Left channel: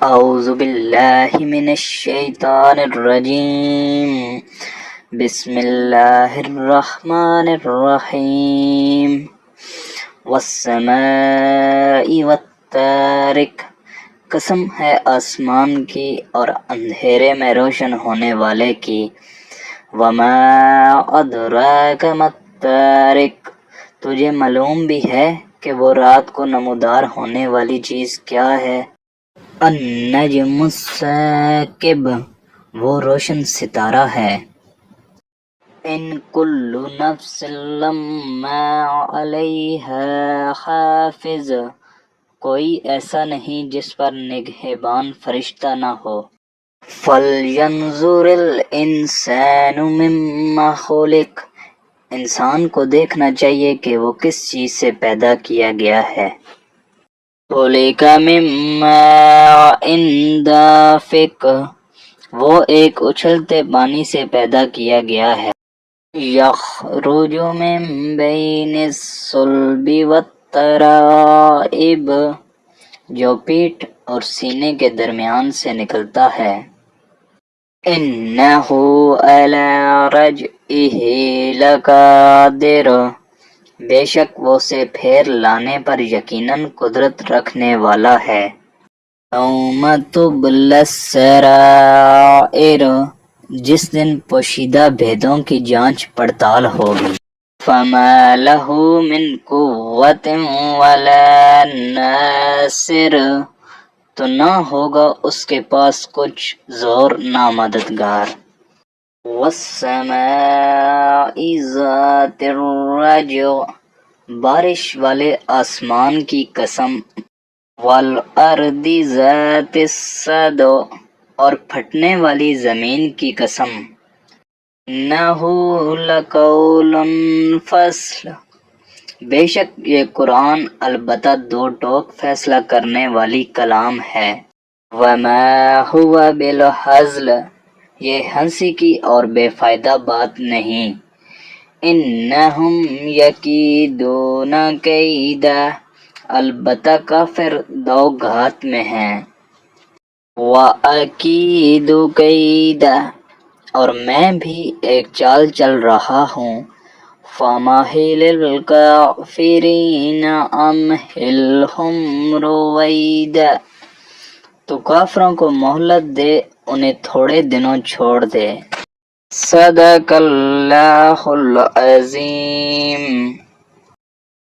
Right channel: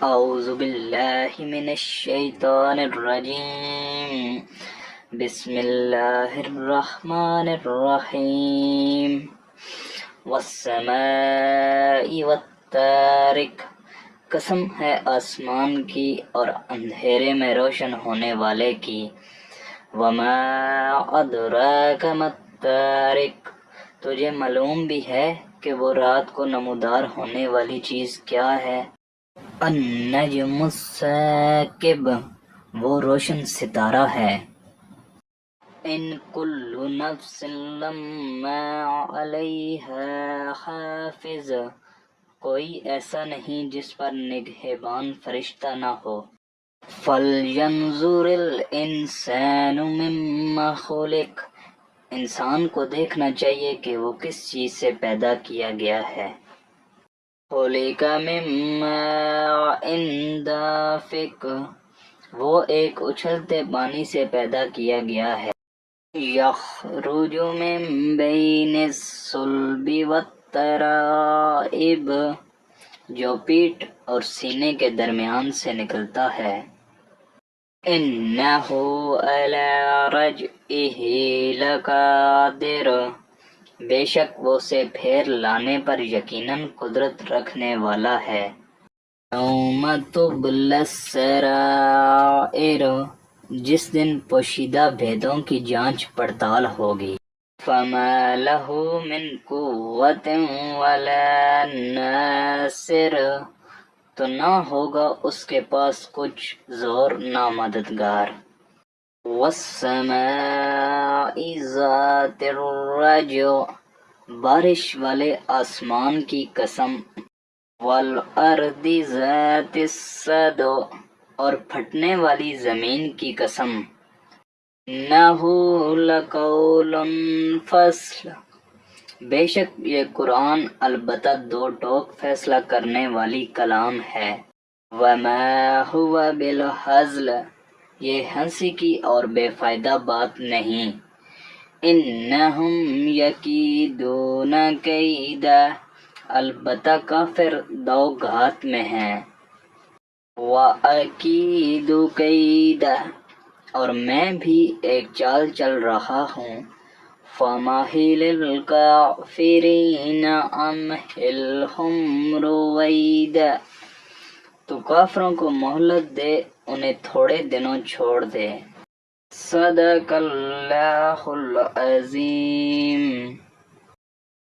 اعوذ باللہ من الشیطان الرجیم بسم اللہ الرحمن الرحیم والسماء والطارق، قسم ہے آسمان کی اور اندھیرے میں روشن ہونے والے کی۔ وما ادراک ما الطارق، تجھے معلوم بھی ہے کہ وہ رات کو نمودار ہونے والی چیز کیا ہے؟ النجم الثاقب، وہ روشن ستارہ ہے۔ ان کل نفس لما علیہا حافظ، کوئی ایسا نہیں جس پر نگہبان فرشتہ نہ ہو۔ فَلْيَنظُرِ الْإِنسَانُ مِمَّا خُلِقَ، انسان کو دیکھنا چاہیے کہ وہ کس چیز سے پیدا کیا گیا ہے۔ خُلِقَ مِن مَّاءٍ دَافِقٍ، وہ ایک اچھلتے پانی سے پیدا کیا گیا ہے۔ یخرج من بین الصلب والترائب، جو پیٹھ اور سینے کے درمیان سے نکلتا ہے۔ انہ علی رجعہ لقادر، بے شک وہ اسے پھیر لانے پر یقیناً قدرت رکھنے والا ہے۔ یوم تبلی السرائر، جس دن پوشیدہ بھیدوں کی جانچ پڑتال ہوگی۔ فما لہ من قوت ولا ناصر، تو نہ ہوگا اس کے پاس کچھ زور نہ مددگار۔ والسماء ذات الرجع، بارش والے آسمان کی قسم۔ والارض ذات الصدع، اور پھٹنے والی زمین کی قسم۔ انہ لقول فصل، بے شک یہ قرآن البتہ دو ٹوک فیصلہ کرنے والی کلام ہے۔ وما ہوا بالہزل، یہ ہنسی کی اور بے فائدہ بات نہیں۔ انہم یکیدون کیدا، البتہ کافر دو گھات میں ہیں۔ وَأَكِیدُ کیدا، اور میں بھی ایک چال چل رہا ہوں۔ فَمَهِّلِ الْكَافِرِینَ أَمْهِلْهُمْ رُوَیدًا، تو کافروں کو مہلت دے، انہیں تھوڑے دنوں چھوڑ دے۔ صدق اللہ العظیم۔